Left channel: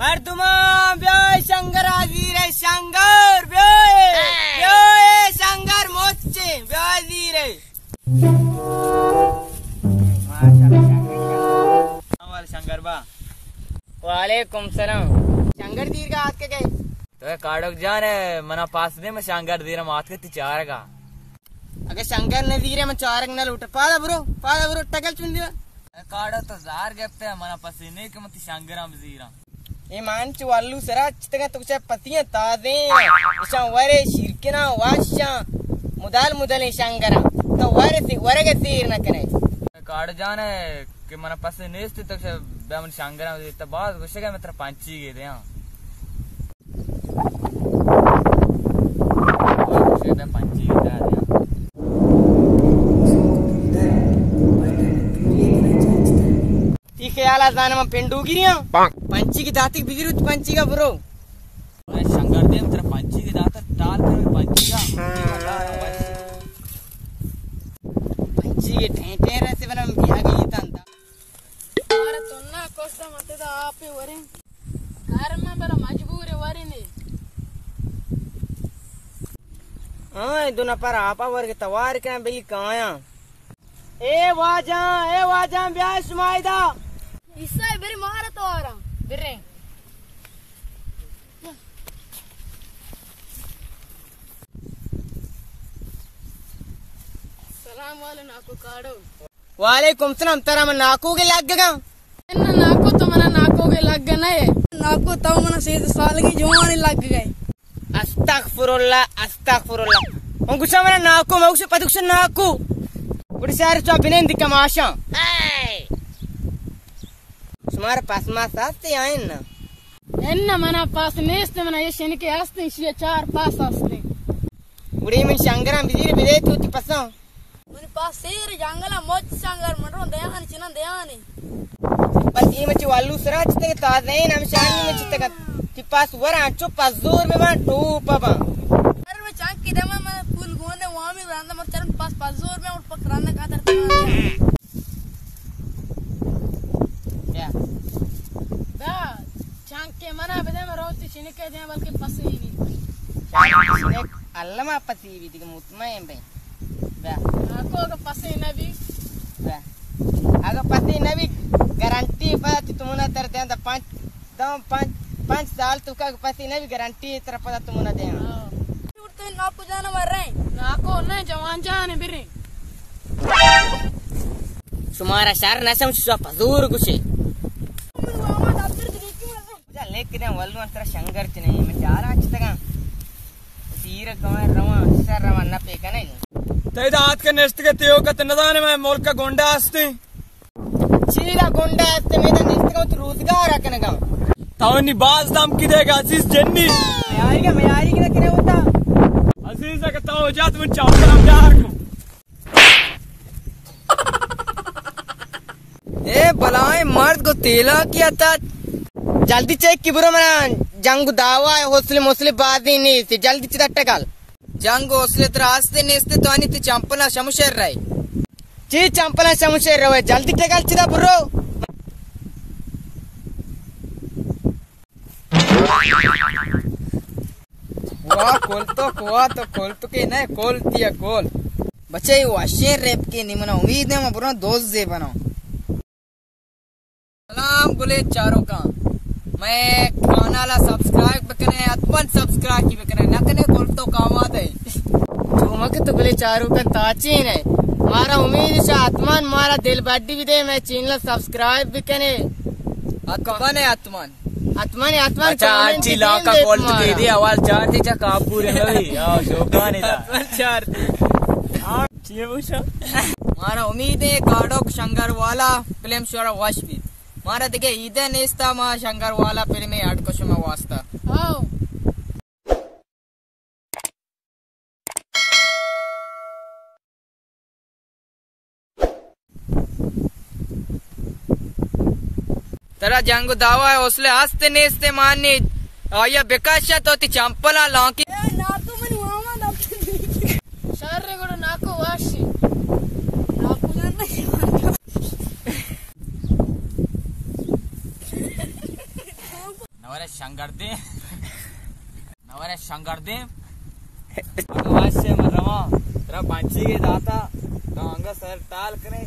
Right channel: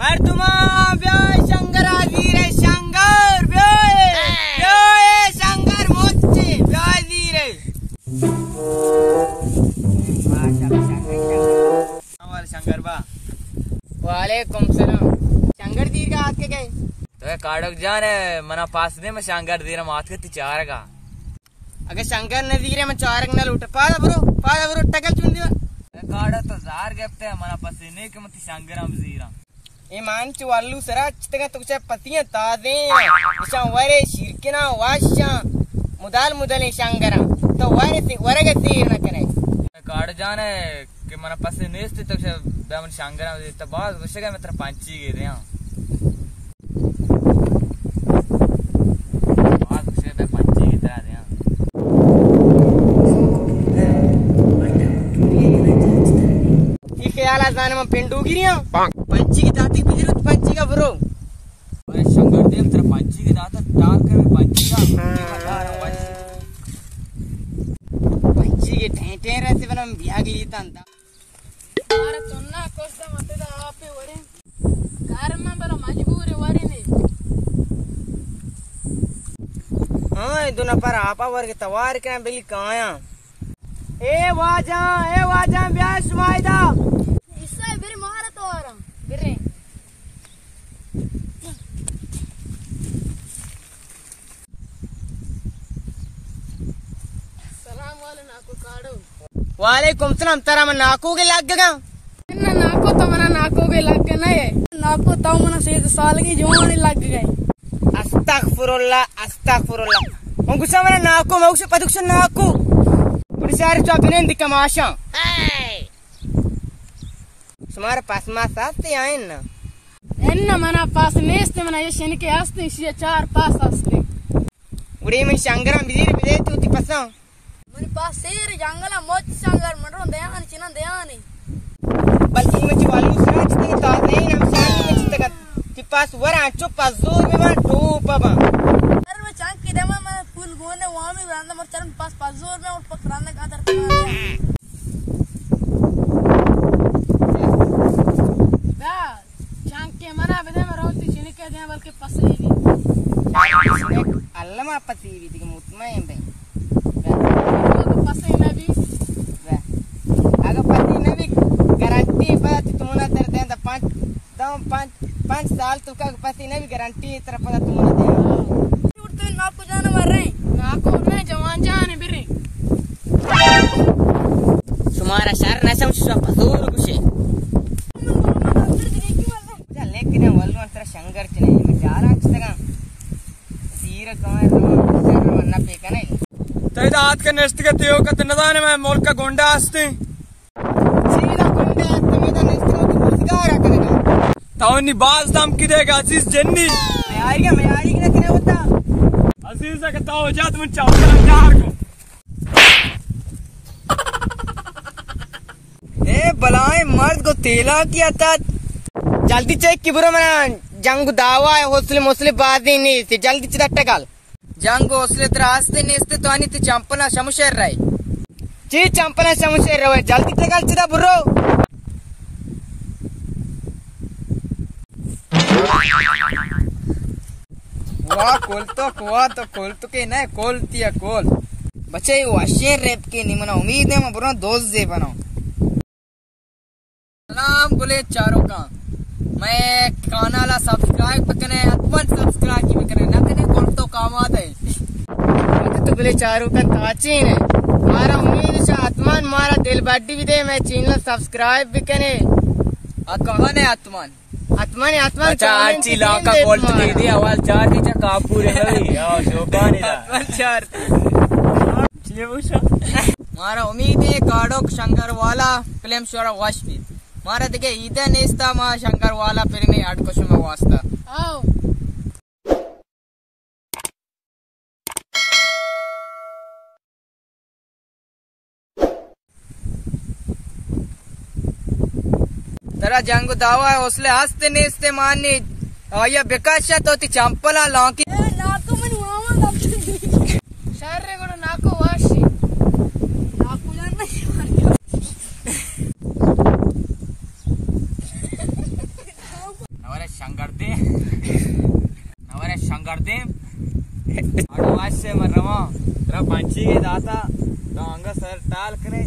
मर्दुमा ब्योय शंकर आजीर है शंकर ब्योय ब्योय शंकर मोचे ब्योय जीर है हमारे शंकर बा वालेकुम सलाम शंकर दीर का हाथ के गए तो काड़क जाने मना पास ने मैं शंकर दीर मात के चार का अगर शंकर नदीरे में चारक न लूट पादा ब्रो टकल चुंदी काड़ा तो जार गेप्ते मना पसीने के मत शंकर हम जीरा ए मानच वालू सरा चितगा तुचा पतियां तादे इशा वरे शिरकिना वाशा मुदाल शंकरा तो वरगे तीर न कने काड़ जाने कि मना पसीने स्थित तो बेमन शंकर हम तो बात गुस्से मित्र पंची गे रे गुस्से पंची गे रे ख्याला जाने में पिंडू गिरिया पंची की दाती बिजरूत पंची का ब्रो शंकर देव तेरा पंची की दाता डाल कर पंची के ढेंटे रहते बना बिया गई तंता अरे तन्ना कोस्ता मत दा आपे वरे कार में बड़ा मजबूर है वरे ने हां दोना पर आपा वर्ग तवार के बिल काया ए वाजा ब्याह सुमाइदा इससे बेरी मारा तो आ रहा बेरे सलाम वाले नाको काड़ो वालेकुम सलाम तेरा मन नाको के लग गया ना नाको तो मना नाको के लग गए नहीं नाको तो मना 7 साल की जवानी लग गए अस्तगफुरुल्लाह उनको समरा नाको मौसे पदुक्ष नाको उड़सार तो अभिनंद कमाशा तुम्हारे पास मास आस्ते आए ना एन्ना मना पास नेस्ते मना ये शनि के आस्ते इसी 4 पास आस्ते उड़े मन शंकरा बिजीर बिदे तूती पसा मनी पास सेर जंगला मोच शंकर मरो दयान चिना दयानी बस ये मच वालू सरा चिते ता नहीं हम शानी में चिते का कि पास वरा चुप पास जोर में वन टूपा बा अरे मैं चाक के दमा मैं फूल गोने वहां में रांदा मर चरण पास जोर में उठ पकड़ने का दर मना बदे में रोती चिनिके दे बल्कि पसीवी अल्लाह पसीवी दिके मुतमईन बे तो पसी नबी अगर पसी नबी गारंटी पर तुमना तर दे तो 5 साल तू का पसी नबी गारंटी तरफ पर तुमना दे उठते नाको जाने मर रहे नाको ने जवान जाने बिरे तुम्हारा शहर न समझ पसूर कुछ लेकिन वल्लू अंतर शंकर चने मैं चार आचतगा तीर कमाए रवा न पेका नहीं तई दांत के नेस्ट के तेओ का तनदाने में मोल का गोंडा आस्ते चीरा गोंडा आस्ते में दा नेस्ट को रोजगार रखने का तावनी बाज दाम की देगा अजीज जन्नी मैं आएगी ना किने होता अजीज का ताओ जात में चाव प्यार ए बलाए मर्द को तेला किया था जल्दी चेक की बुरा मना जंग दावा है हौसले बादी नहीं थी जल्दी चिदा टकल जंग हौसले त्रास्ते नेस्ते तो आनी थी चंपना शमुशेर रही ची चंपना शमुशेर रहे जल्दी टकल चिदा बुरो वाह तो खोल तो के ना खोल दिया खोल बच्चे वाशेर रेप के नहीं मना उम्मीद है मैं बुरा दोस्त जे बनाऊं सलाम बोले चारों का मैं कानाला सब्सक्राइब कने अतवन सब्सक्राइब की कने न कने कोल तो काम आते वक्त बोले चारों का ताचीन है मारा उम्मीद से आत्मान मारा दिल बड्डी भी दे मैं चैनल सब्सक्राइब भी कने कौन है आत्मान चाची ला का कोल की दी आवाज चार दी चा कापूर है भाई आओ जोगा नहीं था चार ये पूछा मारा उम्मीद है गाड़ोक शंकर वाला फिल्म शोरा वाश भी मारा दिखे इधर नेस्ता मा शंकर वाला फिल्म में 8 क्वेश्चन में वास्ता आओ तेरा जंग दावा है हौसले हंसते नेस्ते माननी आया बेकाशा तो ती चंपला लौकी नाको मन वामा शारे गुड नाको वाशी नाको जानना नवरे शंकर दे आवाज से मर रहा तेरा पंची के दाता तो अंगा सर टाल करे